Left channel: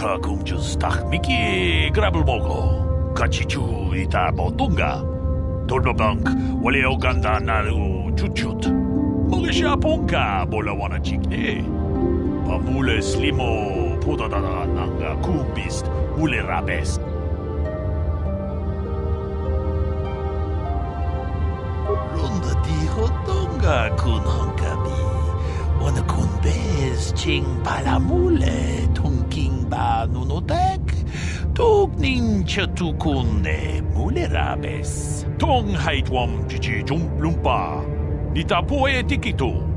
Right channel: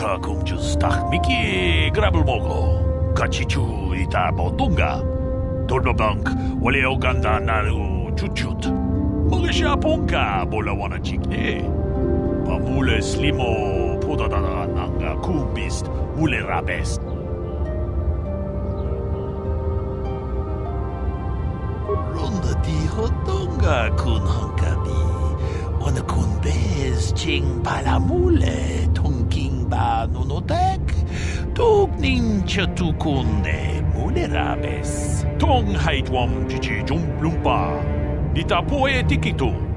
다 공주스 딱 미끼 그랍을 먹어 같이 주이다 뭐던가 돌바방크 원래 오간다 나르고 주춧 먹으샤 본가 몰라 와나 찍네 바물레 슬리모 포다다다 난가 쿰비스트 물레 라베스 론다 디호던가 군헝가비 오늘 군베스 칭 발라물레 통킹바 누노덱 독님 셔투군네 물레라베스 통하이트웜 지지 좀lumpa 니타 포에 티키토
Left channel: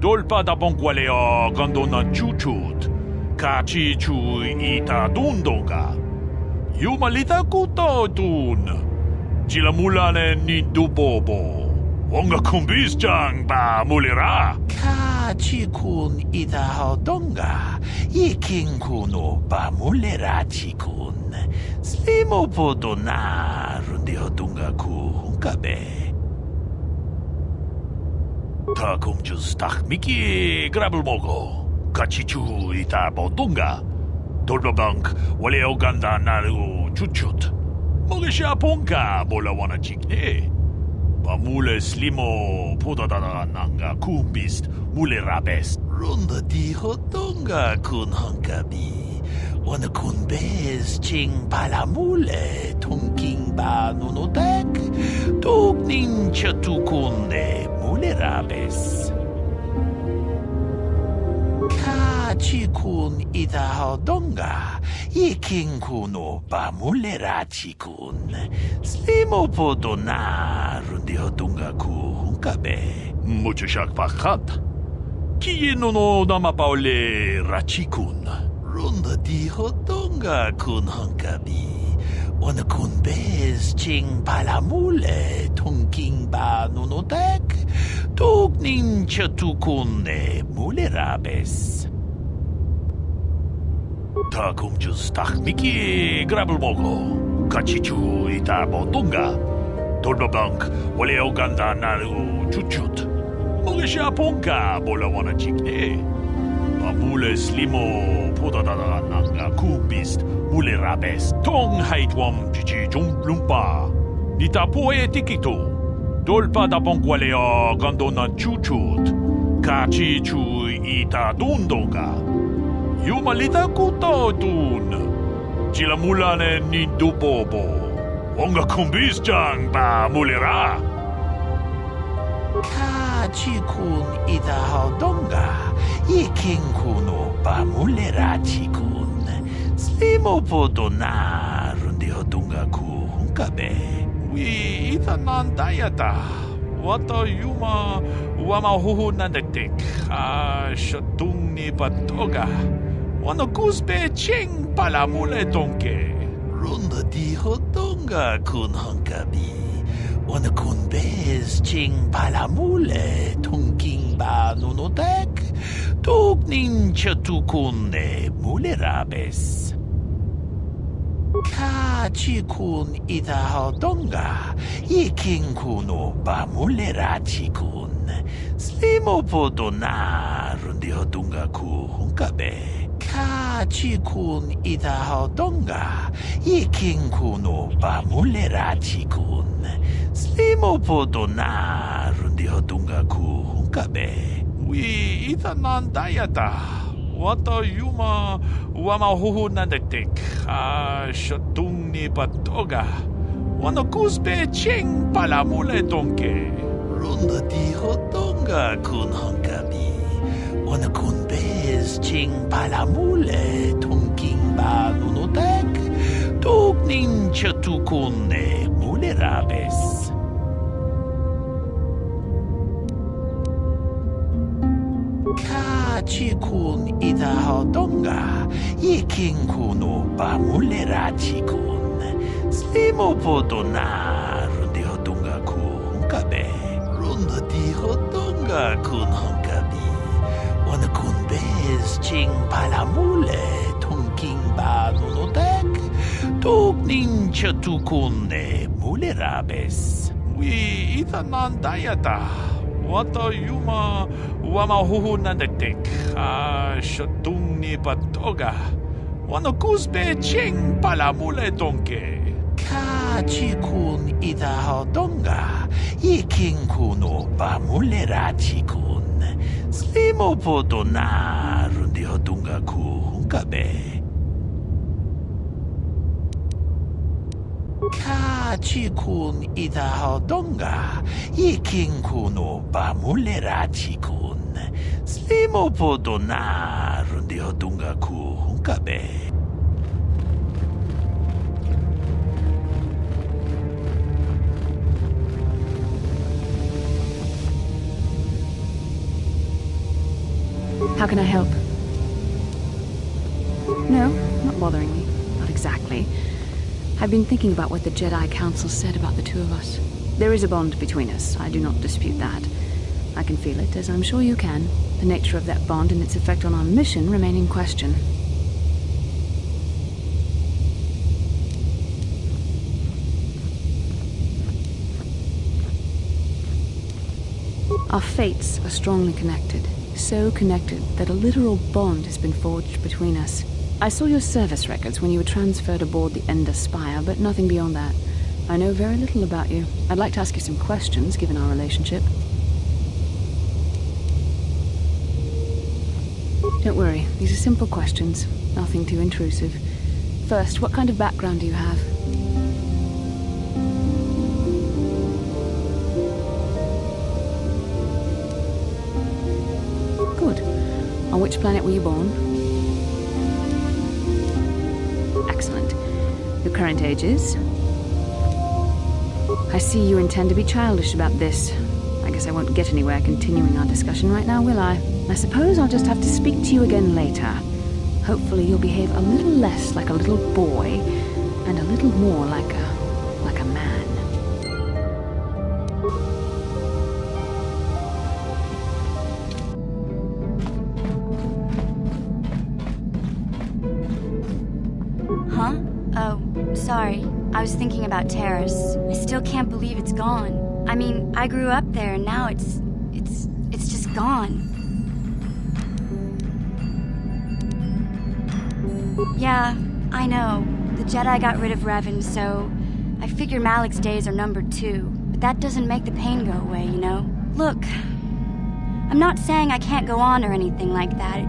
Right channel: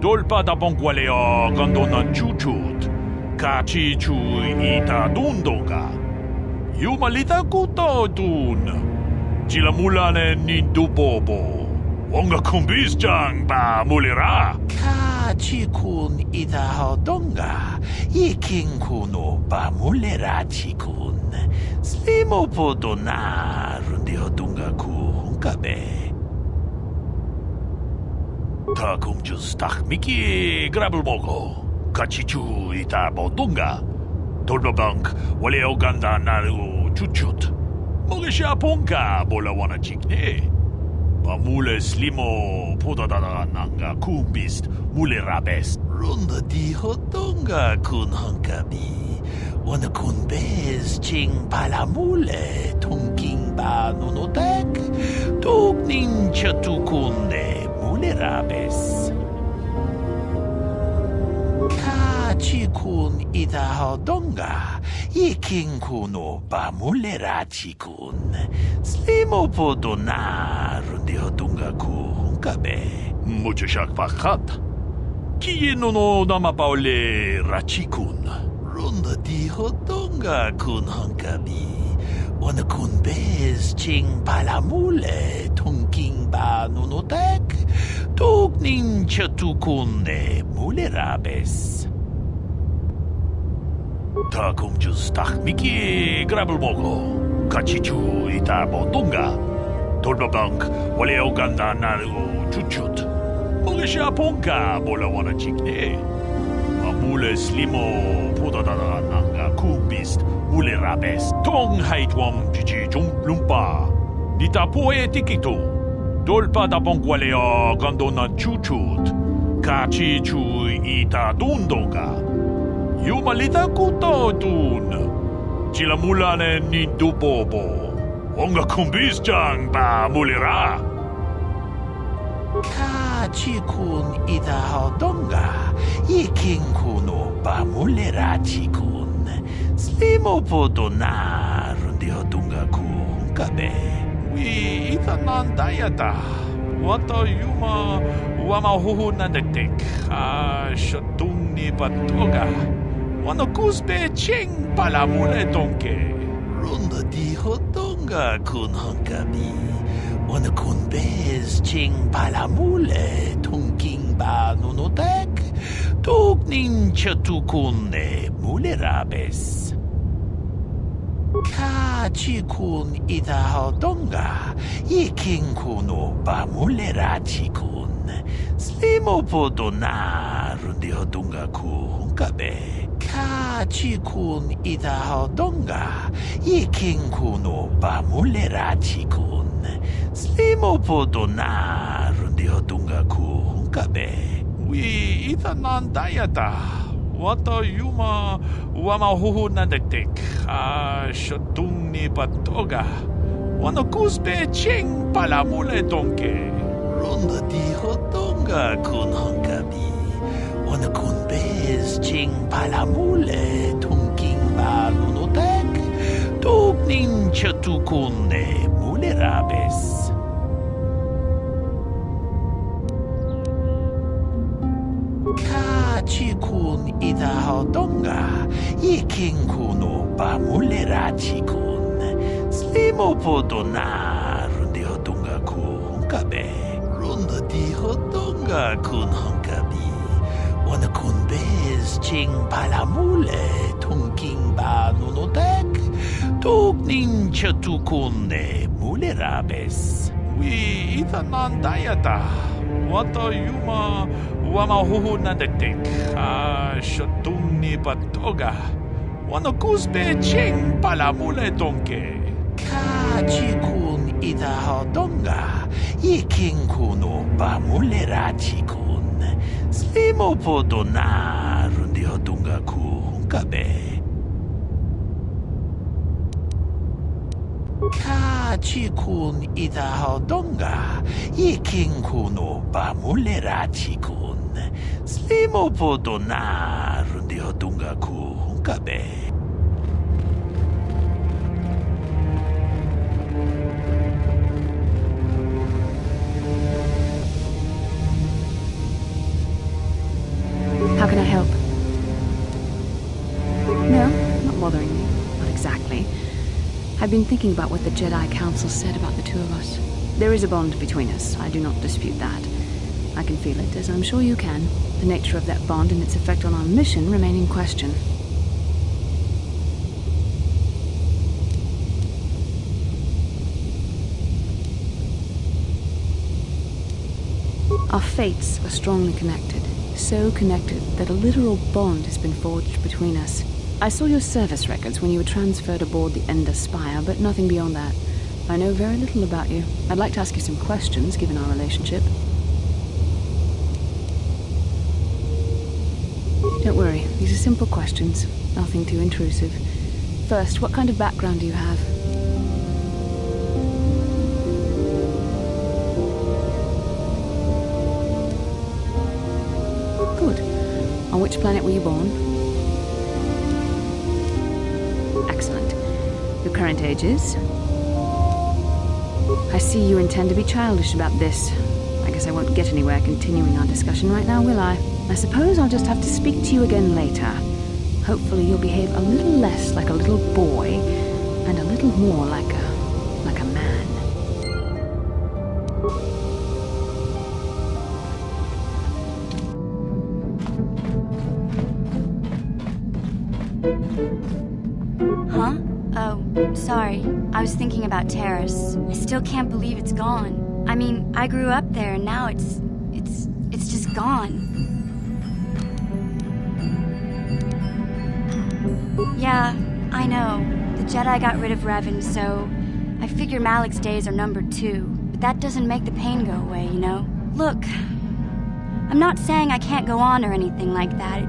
돌바다 봉과레어 간도나 추추트 같이 주이타 돈도가 유말리타 쿠토둔 지라물라네 니두보보 원가 쿰비스장 바 물레라 카치군 이다하던가 이킹군오 바물레라치군 슬리모포도나 룬디어둥가 쿠훈카베 다 공주스 딱 미끼 그랍을 먹어 같이 주이다 뭐던가 돌바방크 원래 오간다 나르고 주춧 먹으샤 본가 몰라 와나 찍네 바물레 슬리모 포다다다 난가 쿰비스트 물레 라베스 론다 디호던가 군헝가비 오늘 군베스 칭 발라물레 통킹바 누노덱 독님 셔투군네 물레 라베스 카치군 이다하던가 이킹군오 바물레라치군 슬리모포도나 룬디어둥가 쿠훈카베 무주샥 파캇 키예노노 나마파올레 라치군 룬다 디호던가 군헝카비 오늘 군베스 칭 발라물레 통킹바 누노덱 독님 셔투군네 물레라베스 다 공주스 딱 미끼 그랍을 먹어 같이 주이다 뭐던가 돌바방크 원래 오간다 나르고 주춧 먹으샤 본가 몰라 와나 찍네 바물레 슬리모 포다다다 난가 쿰비스트 물레 라베스 통하이트웜 지지 좀lumpa 니타 포에 티키토 돌바다 봉과레어 간도나 추추트 같이 주이다 돈도가 유말리타 쿠토둔 지라물라네 니두보보 원가 쿰비스장 바 물레라 카치군 이다하던가 이킹군오 바물레라치군 슬리모포도나 룬디어둥가 쿠훈카베 위 이타난다야다 와타 유마 와마 후후난데틱 아 셔퉁니 바토가 와노 쿠스베 칭 발라물레 동케 룬다 디호던가 군헝가비 오늘 군베스 칭 발라물레 통킹바 누노덱 독님 셔투군네 물레라베스 카치군 이다하던가 이킹군오 바물레라치군 슬리모포도나 룬디어둥가 쿠훈카베 카치군 이다하던가 이킹군오 바물레라치군 슬리모포도나 룬디어둥가 쿠훈카베 위 이타난다야다 와타 유마 와마 후후난데틱 아 셔퉁니 바토가 와노 쿠스베 칭 발라물레 동케 론다 디호던가 군헝가비 오늘 군베스 칭 발라물레 통킹바 누노덱 독님 셔투군네 물레라베스 카치군 이다하던가 이킹군오 바물레라치군 슬리모포도나 룬디어둥가 쿠훈카베 론다 디호던가 군헝가비 Wanakunbez ching palamule tungking ba nunotek tukning chatukune mulerabes. We itanandayata. Wata yuma wamahuhunandek shatung ni patoga. Wanakuzbe ching palamule donke. Ka chikun idahodonga. Yiking kuno bamulera chikun. Slimo podona rundi hodunga ku hunkabe. Ka chikun idahodonga. Yiking kuno bamulera chikun. Slimo podona rundi hodunga ku hunkabe. How can I help? No, not bothering me. Not exactly. I've been thinking about what the Jedi Council said about the two of us. There is a bond between us. I do not dispute that. I can feel it, as I'm sure you can. The nature of that bond and its effect on our mission remain in question. Our fates are strongly connected. So connected that a literal bond has been forged between us. I saw your service records when you were transferred aboard the Ender Spire, but nothing beyond that. I know very little about you. I'd like to ask you some questions, given our relationship. Don't worry, these are simple questions. Nothing too intrusive. First, what kind of background do you have? Good. On which planet were you born? Excellent. Your current age is? I see you intend to be childish about this. I guess I won't get anywhere continuing our discussion right now, will I? I suppose I'll just have to speak to you again later. Hopefully you'll behave a little less like a little boy and a little more like a man. Huh? Oh, sorry. I was thinking about Terrace. I still can't believe it's gone. I mean, I grew up there and now it's just gone. Yeah, I know. The Jedi got rid of Revan, so I figure Malik's days are numbered too. But that doesn't make the pain go away, you know? Look, I'm not saying I can't go on or anything like that.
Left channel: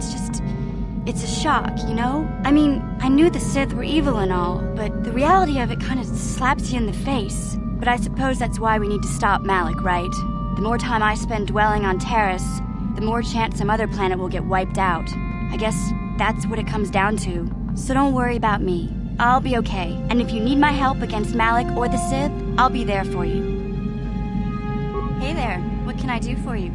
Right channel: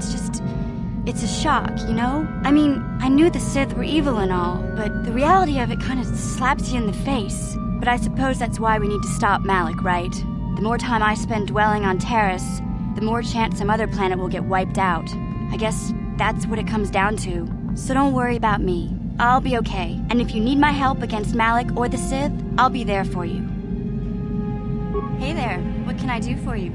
It's a shock, you know? I mean, I knew the Sith were evil and all, but the reality of it kind of slaps you in the face. But I suppose that's why we need to stop Malik, right? The more time I spend dwelling on Terrace, the more chance some other planet will get wiped out. I guess that's what it comes down to. So don't worry about me. I'll be okay. And if you need my help against Malik or the Sith, I'll be there for you. Hey there, what can I do for you?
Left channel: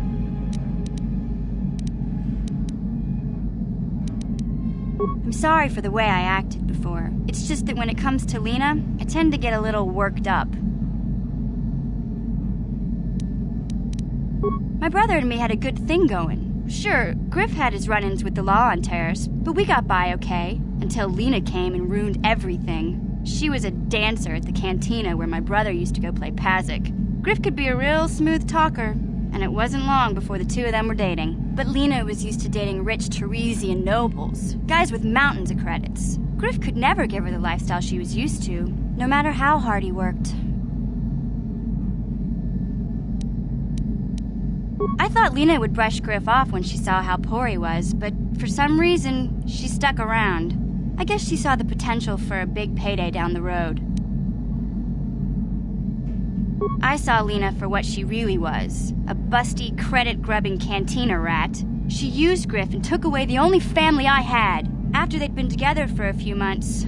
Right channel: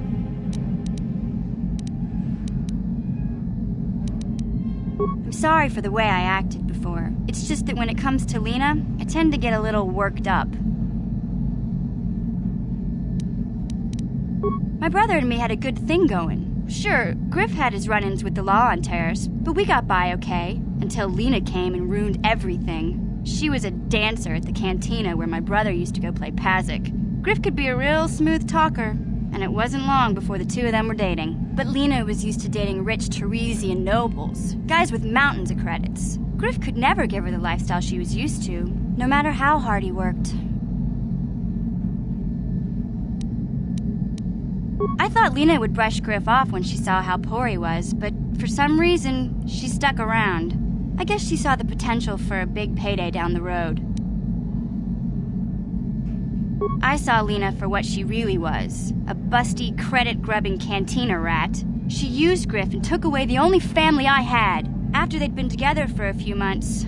I'm sorry for the way I acted before. It's just that when it comes to Lena, I tend to get a little worked up. My brother and me had a good thing going. Sure, Griff had his run-ins with the law on Terrace, but we got by okay, until Lena came and ruined everything. She was a dancer at the cantina where my brother used to go play Pazik. Griff could be a real smooth talker, and it wasn't long before the two of them were dating. But Lena was used to dating rich Teresian nobles, guys with mountains of credits. Griff could never give her the lifestyle she was used to, no matter how hard he worked. I thought Lena would brush Griff off when she saw how poor he was, but for some reason, she stuck around. I guess she saw the potential for a big payday down the road. I saw Lena for what she really was, a busty, credit-grubbing cantina rat. She used Griff and took away the only family I had. After they'd been together for a few months,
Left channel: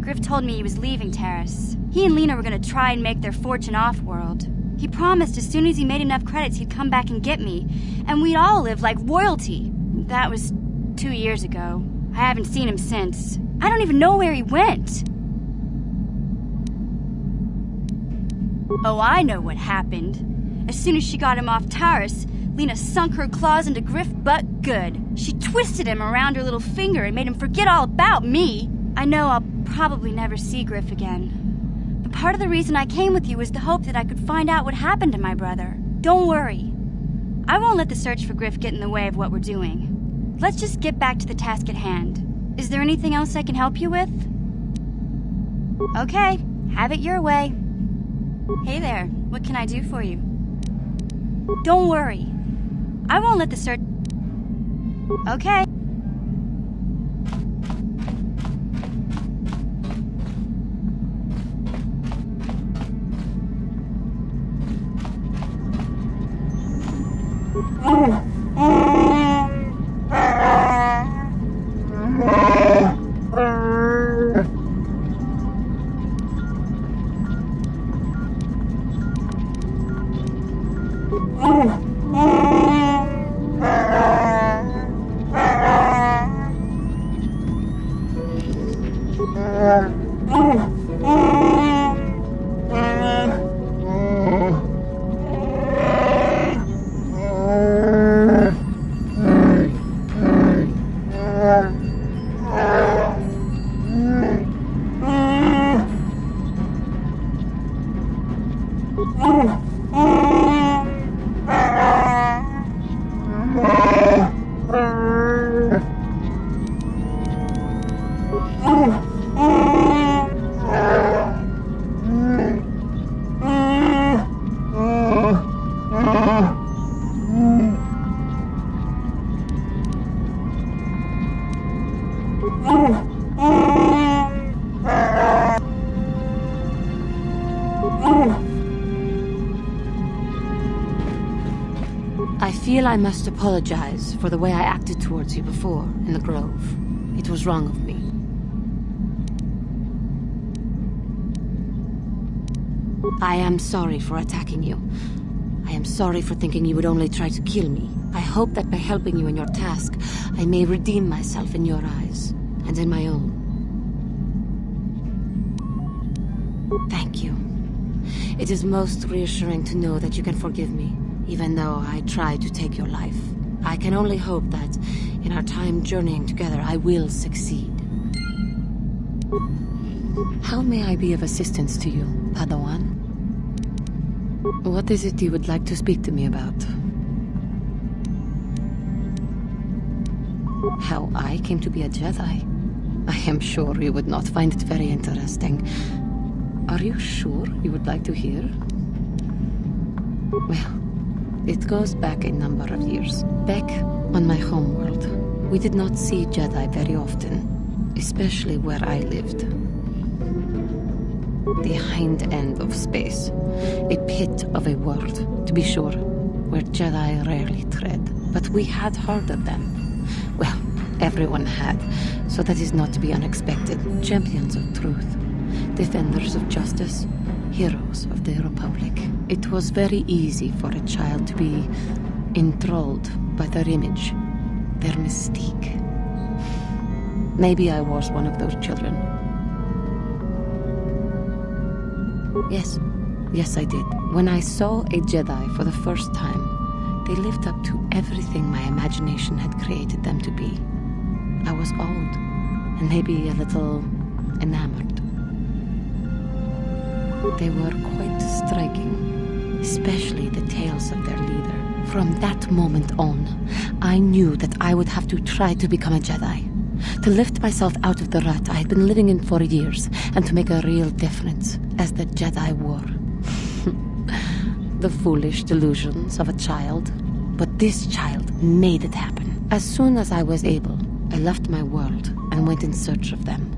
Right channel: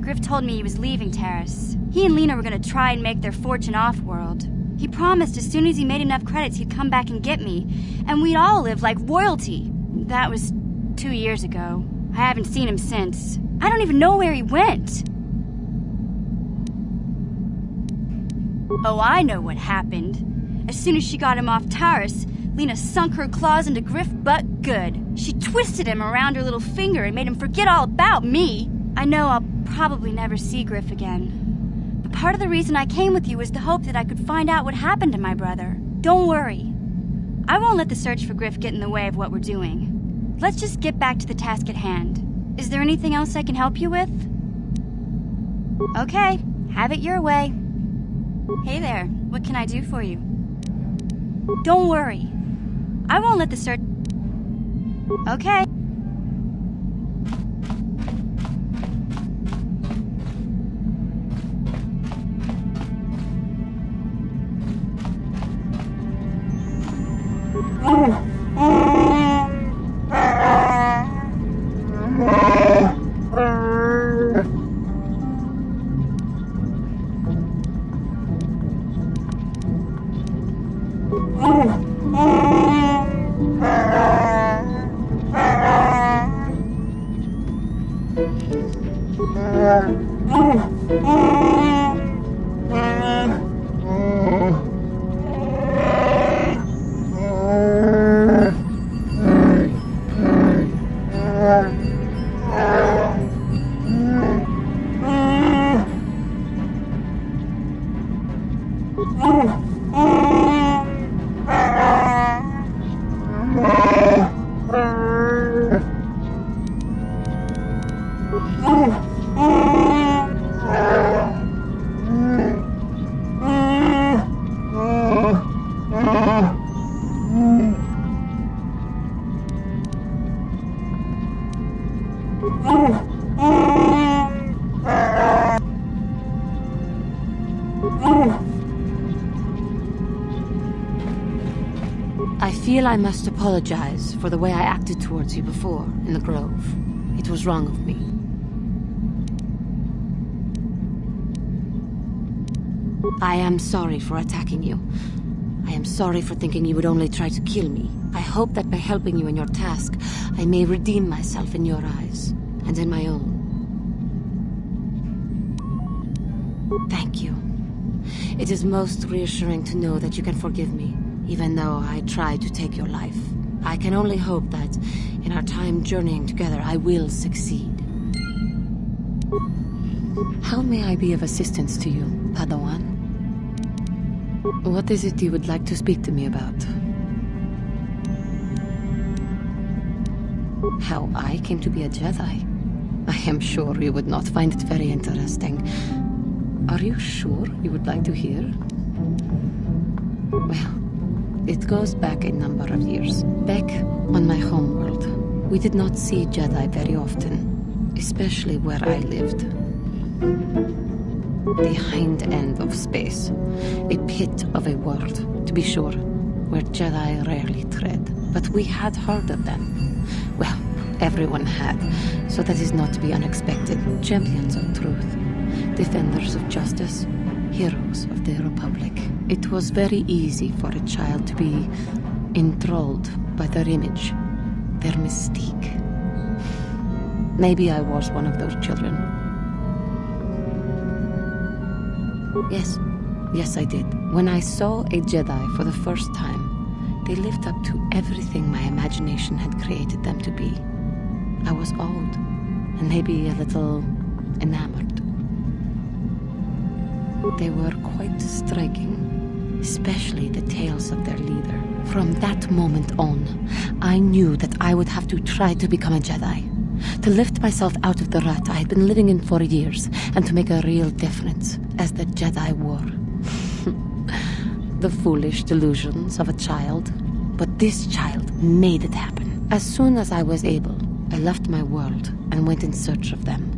Griff told me he was leaving Terrace. He and Lena were gonna try and make their fortune off-world. He promised as soon as he made enough credits he'd come back and get me, and we'd all live like royalty. That was 2 years ago. I haven't seen him since. I don't even know where he went. Oh, I know what happened. As soon as she got him off Taurus, Lena sunk her claws into Griff butt good. She twisted him around her little finger and made him forget all about me. I know I'll probably never see Griff again. But part of the reason I came with you was to hope that I could find out what happened to my brother. Don't worry. I won't let the search for Griff get in the way of what we're doing. Let's just get back to the task at hand. Is there anything else I can help you with? Okay, have it your way. Hey there, what can I do for you? Don't worry. I won't let the search... Okay. I feel I must apologize for the way I acted towards you before in the Grove. It was wrong of me. I am sorry for attacking you. I am sorry for thinking you would only try to kill me. I hope that by helping you in your task, I may redeem myself in your eyes, and in my own. Thank you. It is most reassuring to know that you can forgive me, even though I tried to take your life. I can only hope that, in our time journeying together, I will succeed. How may I be of assistance to you, Padawan? What is it you would like to speak to me about? How I came to be a Jedi? I am sure you would not find it very interesting. Are you sure you would like to hear? Well, it goes back a number of years. Back on my homeworld, we did not see Jedi very often, especially where I lived. The hind end of space. A pit of a world, to be sure, where Jedi rarely tread. But we had heard of them. Well, everyone had, so that is not to be unexpected. Champions of truth, defenders of justice, heroes of the Republic. It was very easy for a child to be enthralled by their image, their mystique. Maybe I was one of those children. Yes, I did. When I saw a Jedi for the first time, they lived up to everything my imagination had created them to be. I was awed, and maybe a little enamored. They were quite striking, especially the tales of their leader. From that moment on, I knew that I would have to try to become a Jedi. To lift myself out of the rut I had been living in for years, and to make a real difference, as the Jedi wore. The foolish delusions of a child. But this child made it happen. As soon as I was able, I left my world and went in search of them.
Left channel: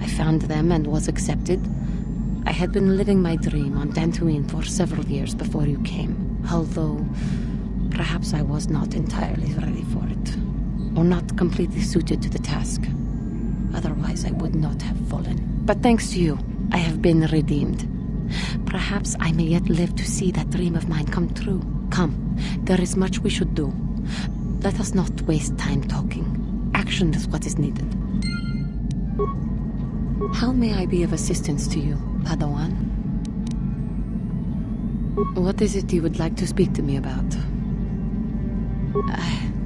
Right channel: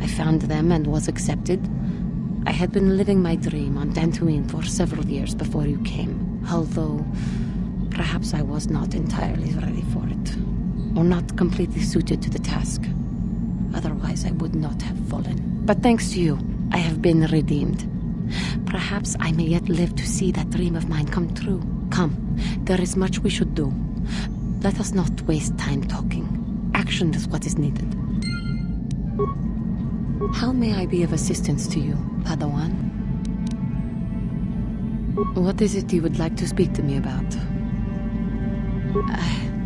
I found them and was accepted. I had been living my dream on Dantooine for several years before you came, although perhaps I was not entirely ready for it, or not completely suited to the task. Otherwise, I would not have fallen. But thanks to you, I have been redeemed. Perhaps I may yet live to see that dream of mine come true. Come, there is much we should do. Let us not waste time talking. Action is what is needed. How may I be of assistance to you, Padawan? What is it you would like to speak to me about?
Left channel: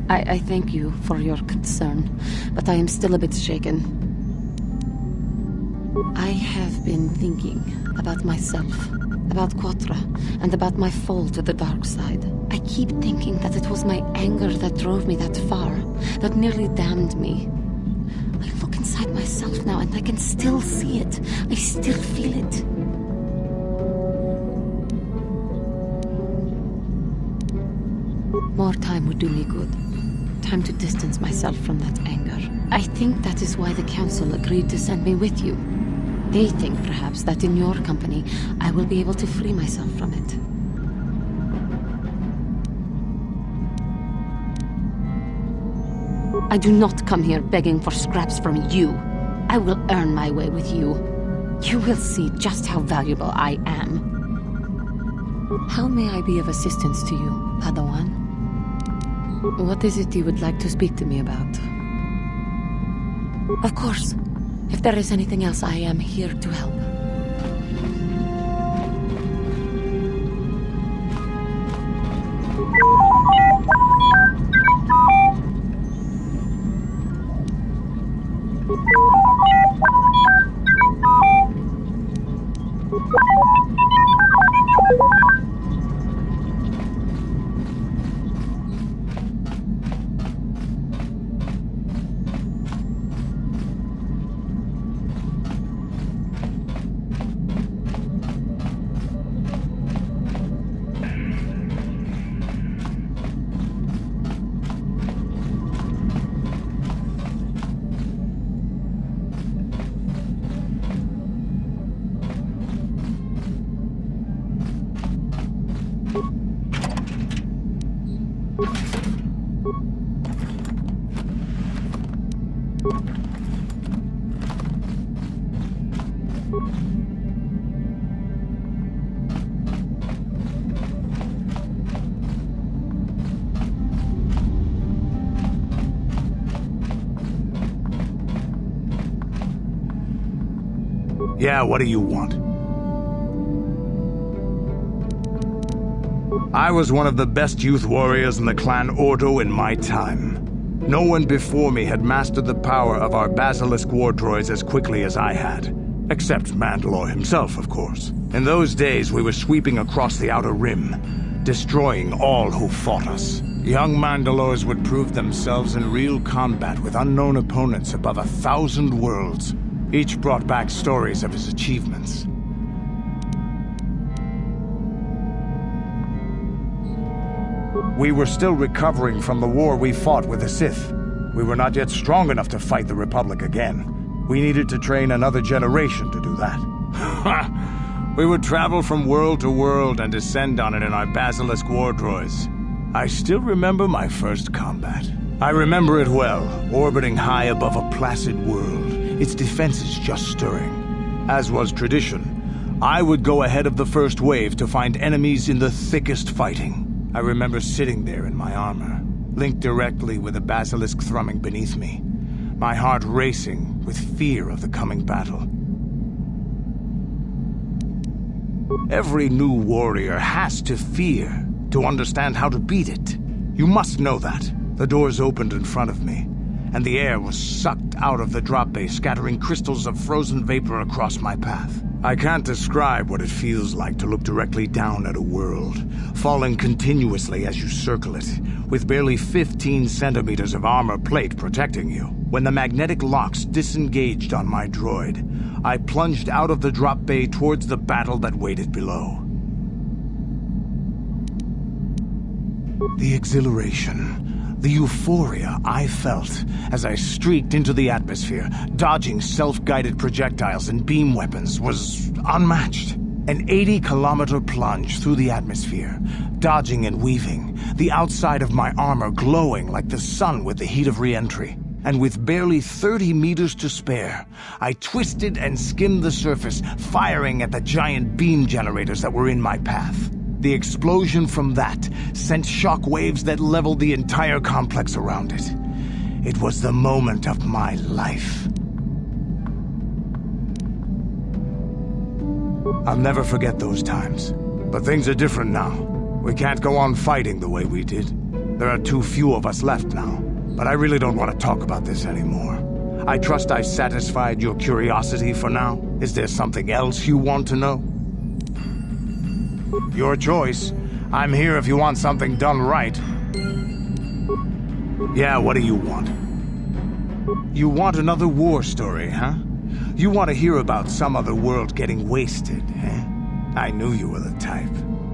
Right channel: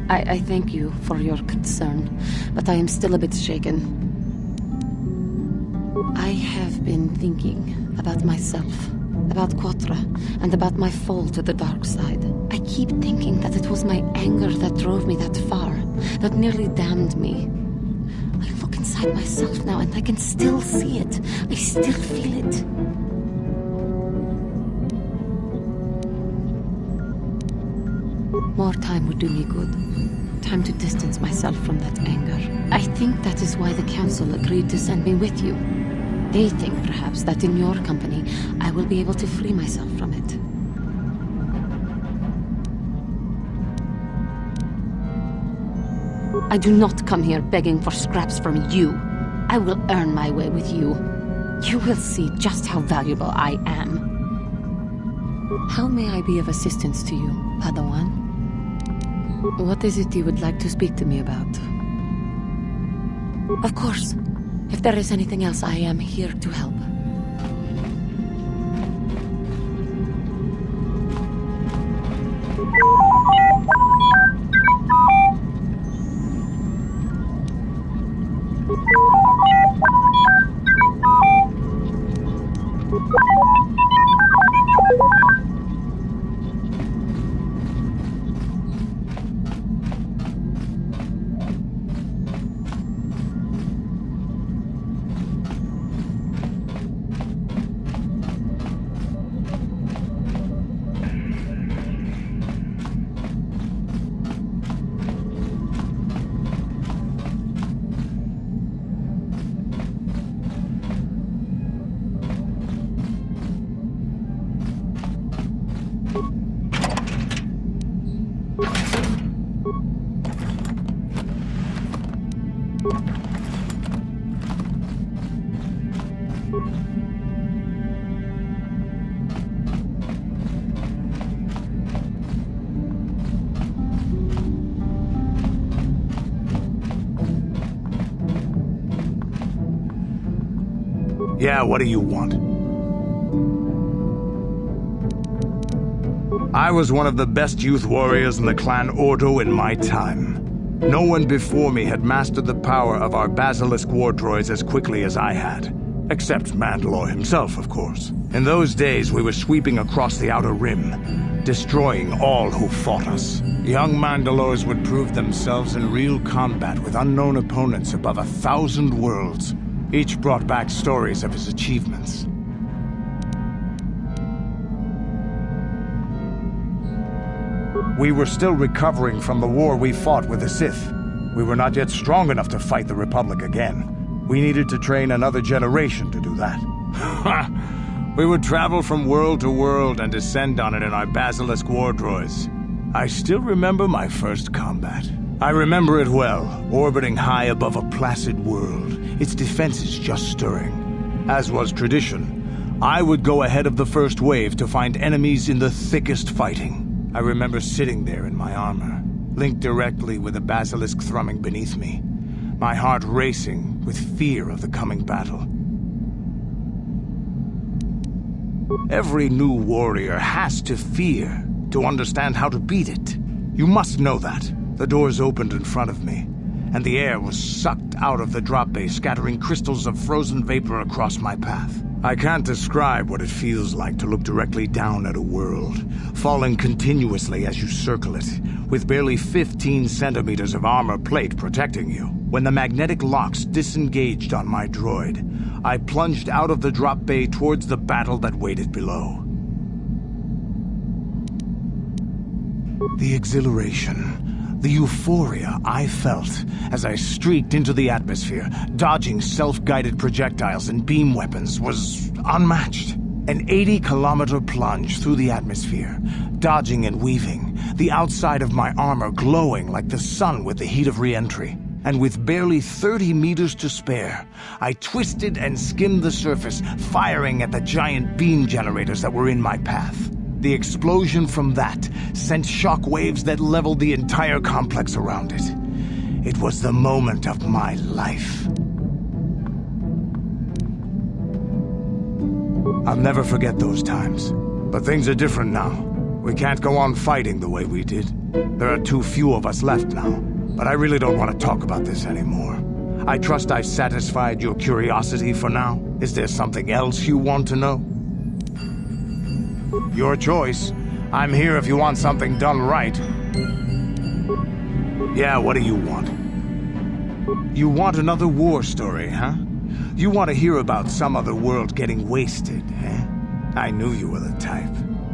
I thank you for your concern, but I am still a bit shaken. I have been thinking about myself, about KOTOR, and about my fall to the dark side. I keep thinking that it was my anger that drove me that far, that nearly damned me. I look inside myself now and I can still see it. I still feel it. More time would do me good. Time to distance myself from that anger. I think that is why the Council agreed to send me with you. They think, perhaps, that in your company, I will be able to free myself from it. I do not come here begging for scraps from you. I will earn my way with you. You will see just how valuable I am. How may I be of assistance to you, Padawan? What is it you would like to speak to me about? Of course. If there is anything else, I am here to help. Yeah, what do you want? I was one of the best youth warriors in the clan Ordo in my time. No one before me had mastered the power of our basilisk war droids as quickly as I had. Except Mandalore himself, of course. In those days, we were sweeping across the Outer Rim, destroying all who fought us. Young Mandalores would prove themselves in real combat with unknown opponents above 1,000 worlds. Each brought back stories of his achievements. We were still recovering from the war we fought with the Sith. We were not yet strong enough to fight the Republic again. We needed to train another generation to do that. We would travel from world to world and descend on it in our basilisk war droids. I still remember my first combat. I remember it well, orbiting high above a placid world, its defenses just stirring. As was tradition, I would go ahead of the first wave to find enemies in the thickest fighting. I remember sitting there in my armor, linked directly with the basilisk thrumming beneath me, my heart racing with fear of the coming battle. Every new warrior has to fear to understand how to beat it. You must know that. The doors opened in front of me, and the air was sucked out of the drop bay, scattering crystals of frozen vapor across my path. I can't describe what it feels like to look directly down at a world, falling continuously as you circle it, with barely 15 centimeters of armor plate protecting you. When the magnetic locks disengaged on my droid, I plunged out of the drop bay towards the battle that waited below. The exhilaration, the euphoria I felt as I streaked into the atmosphere, dodging self-guided projectiles and beam weapons, was unmatched. An 80-kilometer plunge through the atmosphere, dodging and weaving, the outside of my armor glowing like the sun with the heat of re-entry. And with barely 30 meters to spare, I twisted and skimmed the surface, firing at the giant beam generators that were in my path. The explosion from that sent shock waves that leveled the entire complex around it. It was the moment of my life. I'll never forget those times. But things are different now. We can't go on fighting the way we did. There are too few of us left now, but I really don't want to talk about this anymore. I trust I've satisfied your curiosity for now. Is there something else you want to know? Your choice. I'm here if you want something done right. Yeah, what do you want? You want another war story, huh? You want to hear about some other world getting wasted, eh? I knew you were the type.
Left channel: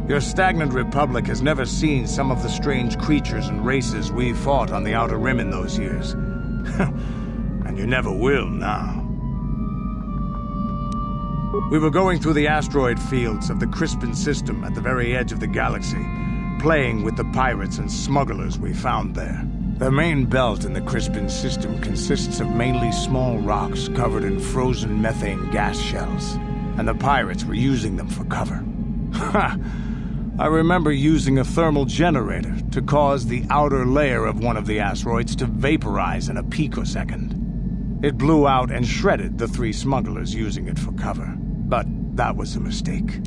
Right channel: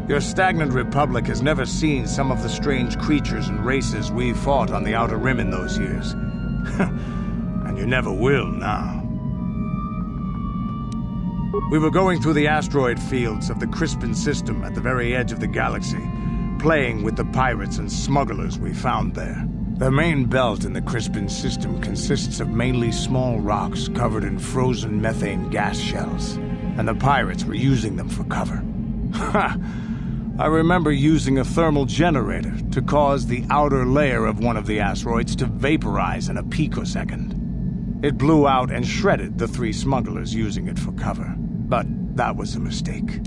Your stagnant republic has never seen some of the strange creatures and races we fought on the Outer Rim in those years. And you never will now. We were going through the asteroid fields of the Crispin system at the very edge of the galaxy, playing with the pirates and smugglers we found there. The main belt in the Crispin system consists of mainly small rocks covered in frozen methane gas shells, and the pirates were using them for cover. Ha! I remember using a thermal generator to cause the outer layer of one of the asteroids to vaporize in a picosecond. It blew out and shredded the 3 smugglers using it for cover, but that was a mistake.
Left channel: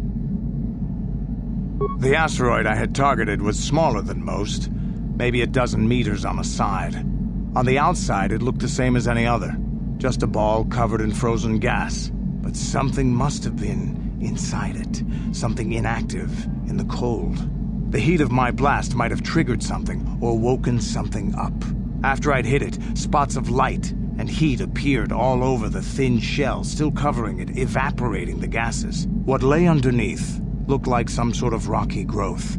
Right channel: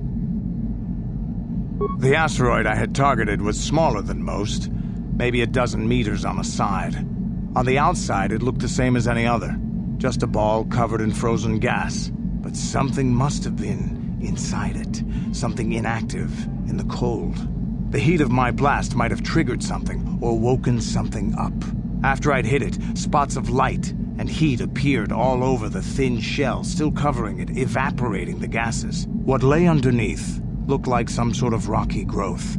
The asteroid I had targeted was smaller than most, maybe a dozen meters on a side. On the outside, it looked the same as any other, just a ball covered in frozen gas. But something must have been inside it, something inactive in the cold. The heat of my blast might have triggered something or woken something up. After I'd hit it, spots of light and heat appeared all over the thin shell, still covering it, evaporating the gases. What lay underneath looked like some sort of rocky growth.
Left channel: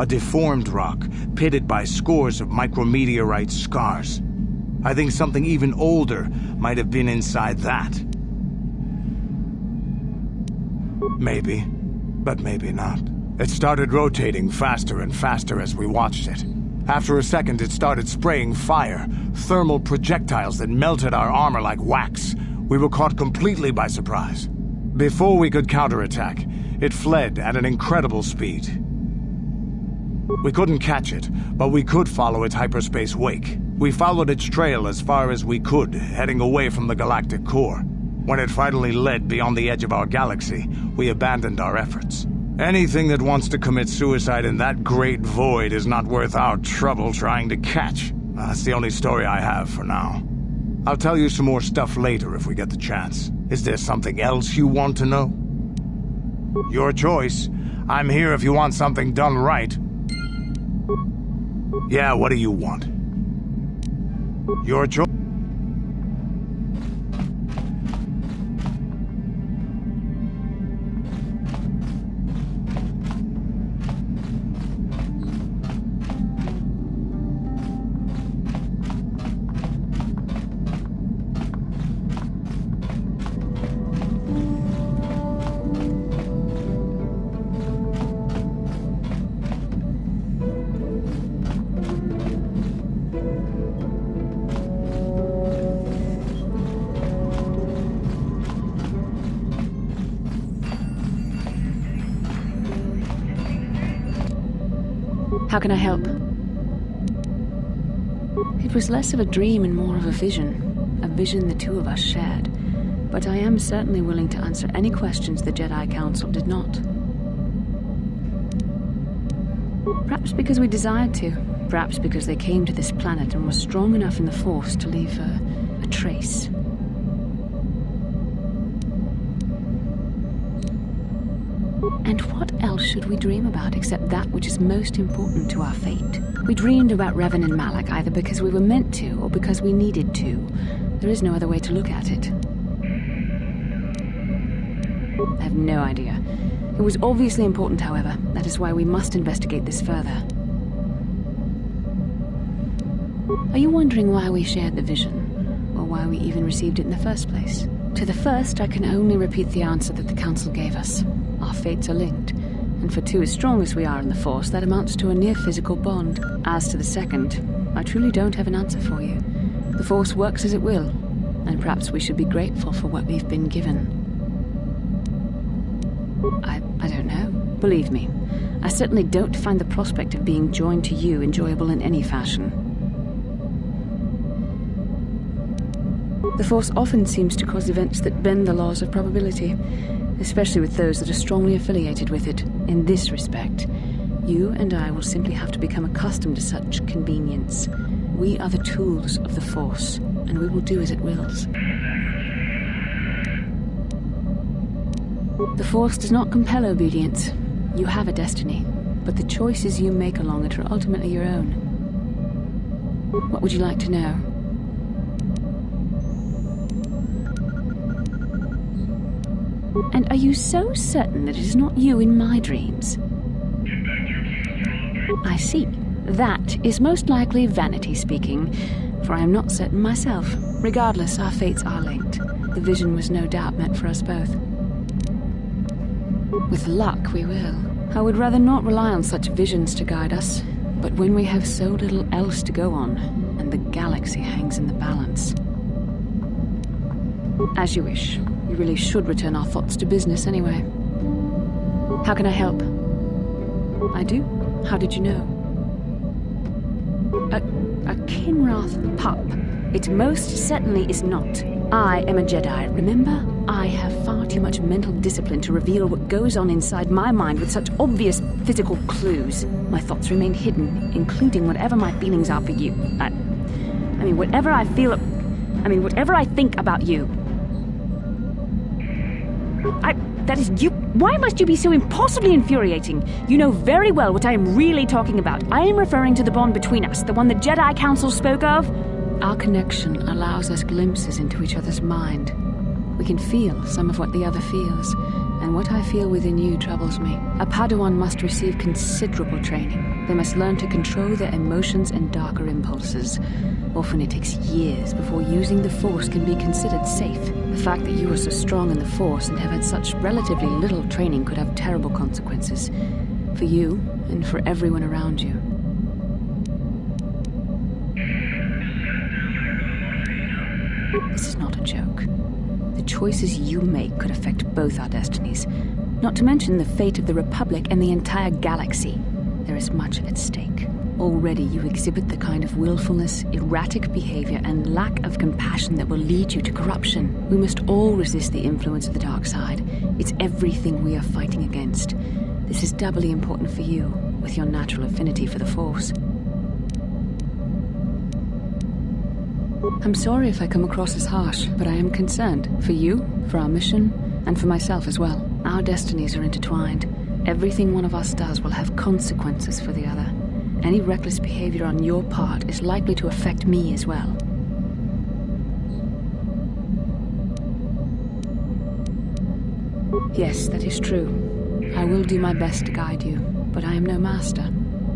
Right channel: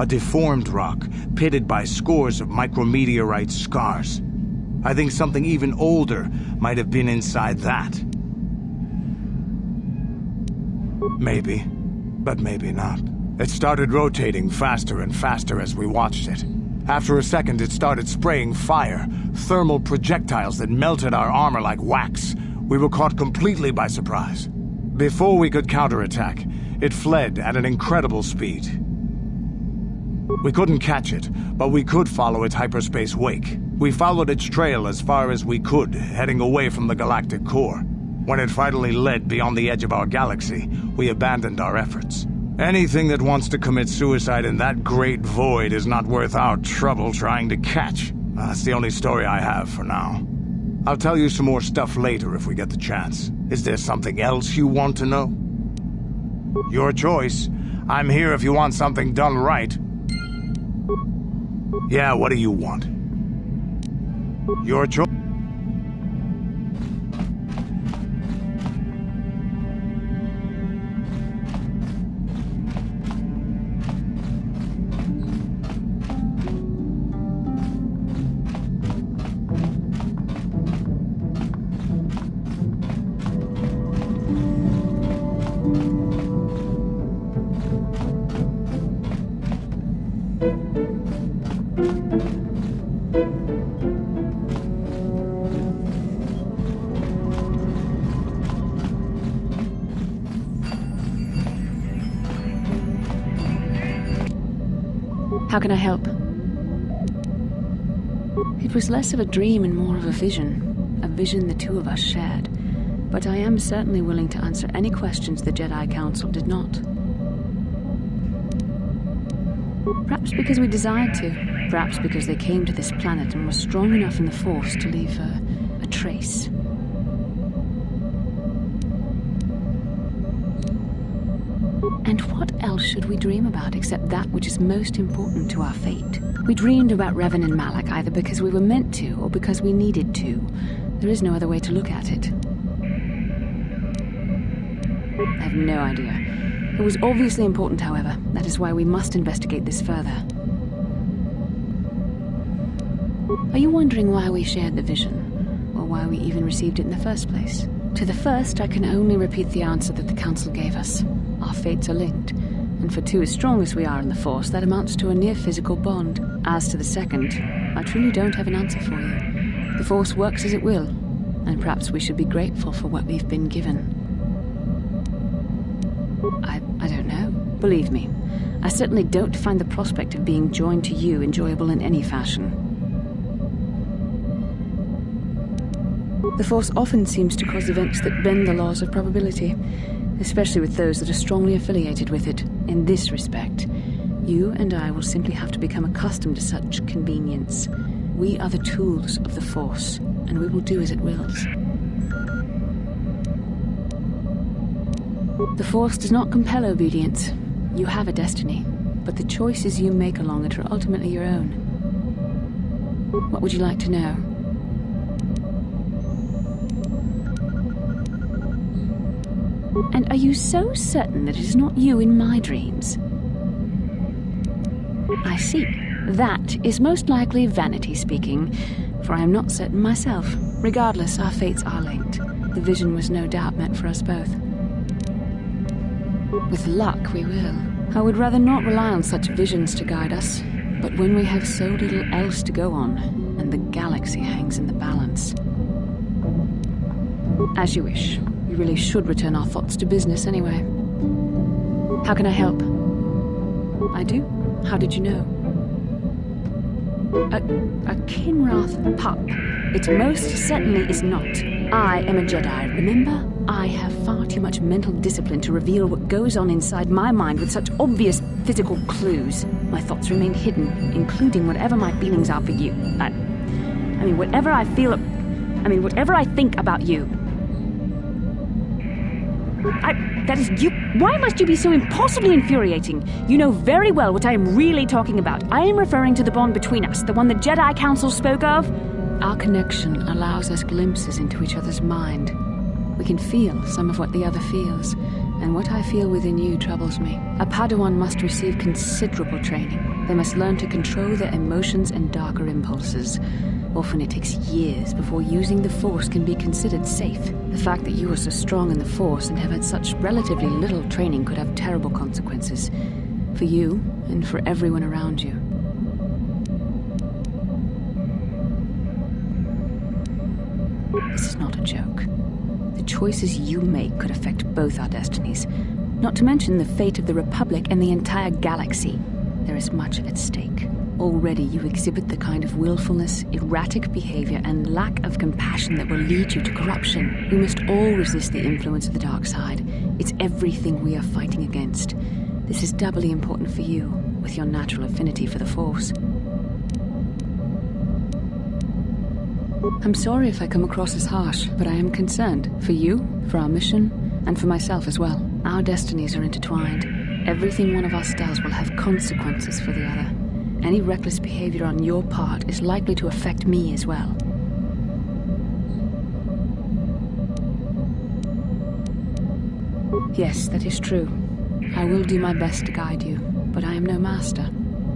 A deformed rock, pitted by scores of micrometeorite scars. I think something even older might have been inside that. Maybe, but maybe not. It started rotating faster and faster as we watched it. After a second, it started spraying fire, thermal projectiles that melted our armor like wax. We were caught completely by surprise. Before we could counterattack, it fled at an incredible speed. We couldn't catch it, but we could follow its hyperspace wake. We followed its trail as far as we could, heading away from the galactic core. When it finally led beyond the edge of our galaxy, we abandoned our efforts. Anything that wants to commit suicide in that great void is not worth our trouble trying to catch. That's the only story I have for now. I'll tell you some more stuff later if we get the chance. Is there something else you want to know? Your choice. I'm here if you want something done right. Yeah, what do you want? Your choice. How can I help? It was less of a dream and more of a vision the 2 of us shared. But I am certainly willing to answer any questions the Jedi Council did not. Perhaps because we desired to. Perhaps because they came to this planet and were strong enough in the Force to leave a trace. And what else should we dream about except that which is most important to our fate? We dreamed about Revan and Malak either because we were meant to or because we needed to. There is no other way to look at it. I have no idea. It was obviously important, however. That is why we must investigate this further. Are you wondering why we shared the vision? Or why we even received it in the first place? To the first, I can only repeat the answer that the Council gave us. Our fates are linked, and for 2 as strong as we are in the Force, that amounts to a near-physical bond. As to the second, I truly don't have an answer for you. The Force works as it will, and perhaps we should be grateful for what we've been given. I don't know. Believe me, I certainly don't find the prospect of being joined to you enjoyable in any fashion. The Force often seems to cause events that bend the laws of probability, especially with those that are strongly affiliated with it. In this respect, You and I will simply have to become accustomed to such convenience. We are the tools of the Force, and we will do as it wills. The Force does not compel obedience. You have a destiny, but the choices you make along it are ultimately your own. What would you like to know? And are you so certain that it is not you in my dreams? I see. That is most likely vanity speaking, for I am not certain myself. Regardless, our fates are linked. The vision was no doubt meant for us both. With luck, we will. I would rather not rely on such visions to guide us, but when we have so little else to go on, and the galaxy hangs in the balance. As you wish. We really should return our thoughts to business anyway. How can I help? I do? How did you know? A Kinrath pup. It most certainly is not. I am a Jedi, remember? I have far too much mental discipline to reveal what goes on inside my mind with such obvious physical clues. My thoughts remain hidden, including whatever my feelings are for you. Whatever I think about you. That is you. Why must you be so impossibly infuriating? You know very well what I am really talking about. I am referring to the bond between us, the one the Jedi Council spoke of. Our connection allows us glimpses into each other's mind. We can feel some of what the other feels, and what I feel within you troubles me. A Padawan must receive considerable training. They must learn to control their emotions and darker impulses. Often it takes years before using the Force can be considered safe. The fact that you are so strong in the Force and have had such relatively little training could have terrible consequences. For you, and for everyone around you. This is not a joke. The choices you make could affect both our destinies. Not to mention the fate of the Republic and the entire galaxy. There is much at stake. Already you exhibit the kind of willfulness, erratic behavior, and lack of compassion that will lead you to corruption. We must all resist the influence of the dark side. It's everything we are fighting against. This is doubly important for you, with your natural affinity for the Force. I'm sorry if I come across as harsh, but I am concerned. For you, for our mission, and for myself as well. Our destinies are intertwined. Everything one of us does will have consequences for the other. Any reckless behavior on your part is likely to affect me as well. Yes, that is true. I will do my best to guide you, but I am no master.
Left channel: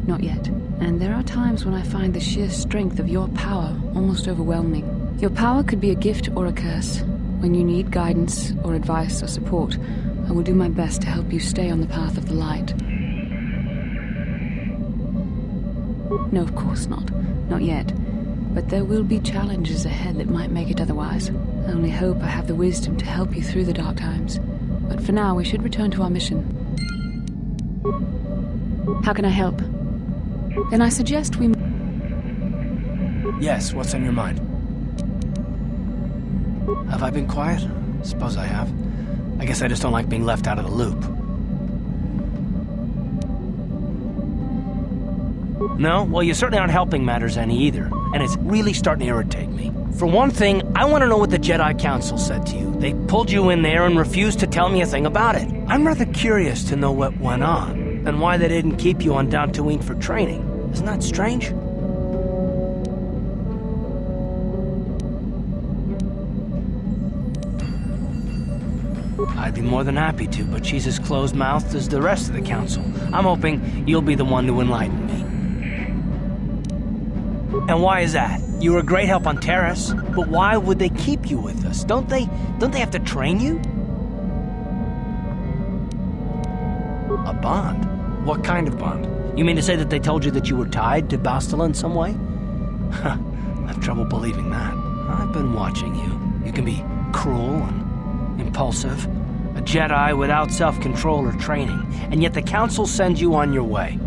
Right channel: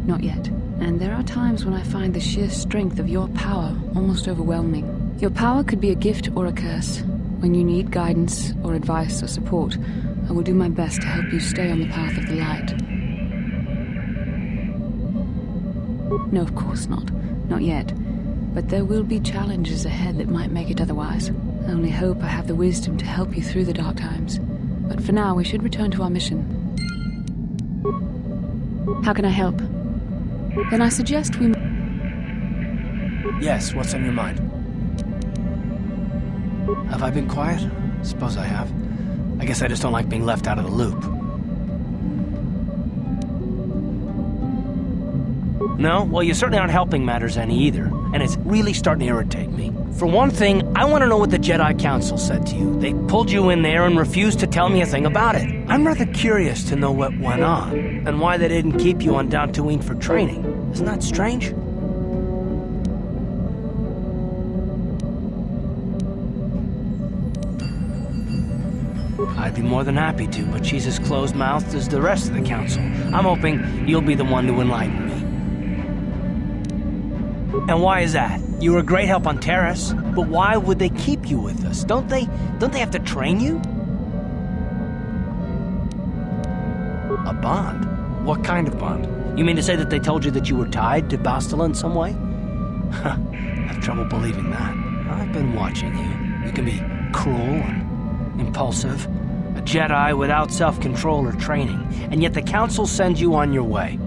Not yet. And there are times when I find the sheer strength of your power almost overwhelming. Your power could be a gift or a curse. When you need guidance or advice or support, I will do my best to help you stay on the path of the light. No, of course not. Not yet. But there will be challenges ahead that might make it otherwise. I only hope I have the wisdom to help you through the dark times. But for now, we should return to our mission. How can I help? Then I suggest we... Yes, what's on your mind? Have I been quiet? Suppose I have. I guess I just don't like being left out of the loop. No? Well, you certainly aren't helping matters any either, and it's really starting to irritate me. For one thing, I want to know what the Jedi Council said to you. They pulled you in there and refused to tell me a thing about it. I'm rather curious to know what went on, and why they didn't keep you on Dantooine for training. Isn't that strange? I'd be more than happy to, but she's as closed-mouthed as the rest of the Council. I'm hoping you'll be the one to enlighten me. And why is that? You were a great help on Terrace, but why would they keep you with us? Don't they have to train you? A bond? What kind of bond? You mean to say that they told you that you were tied to Bastila in some way? I have trouble believing that. I've been watching you. You can be cruel and impulsive, a Jedi without self-control or training, and yet the Council sends you on your way.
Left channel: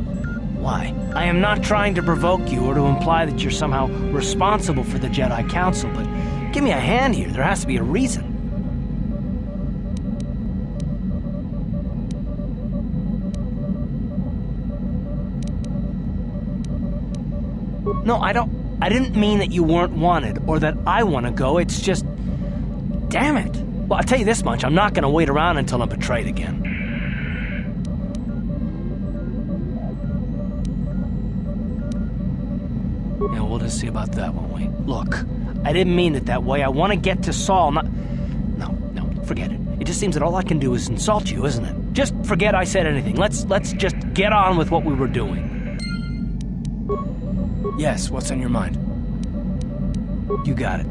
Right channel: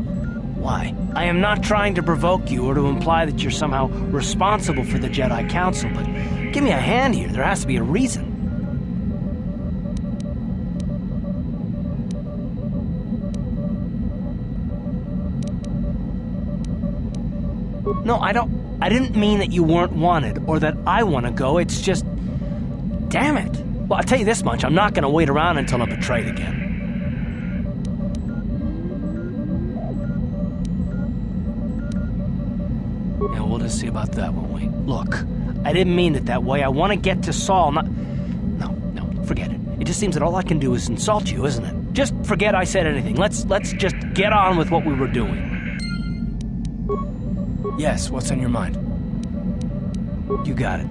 Why? I am not trying to provoke you or to imply that you're somehow responsible for the Jedi Council, but give me a hand here. There has to be a reason. No, I didn't mean that you weren't wanted, or that I want to go, it's just... Damn it! Well, I'll tell you this much, I'm not gonna wait around until I'm betrayed again. Yeah, we'll just see about that, won't we? Look, I didn't mean it that way. I want to get to Saul, not... No, forget it. It just seems that all I can do is insult you, isn't it? Just forget I said anything. Let's just get on with what we were doing. Yes, what's on your mind? You got it.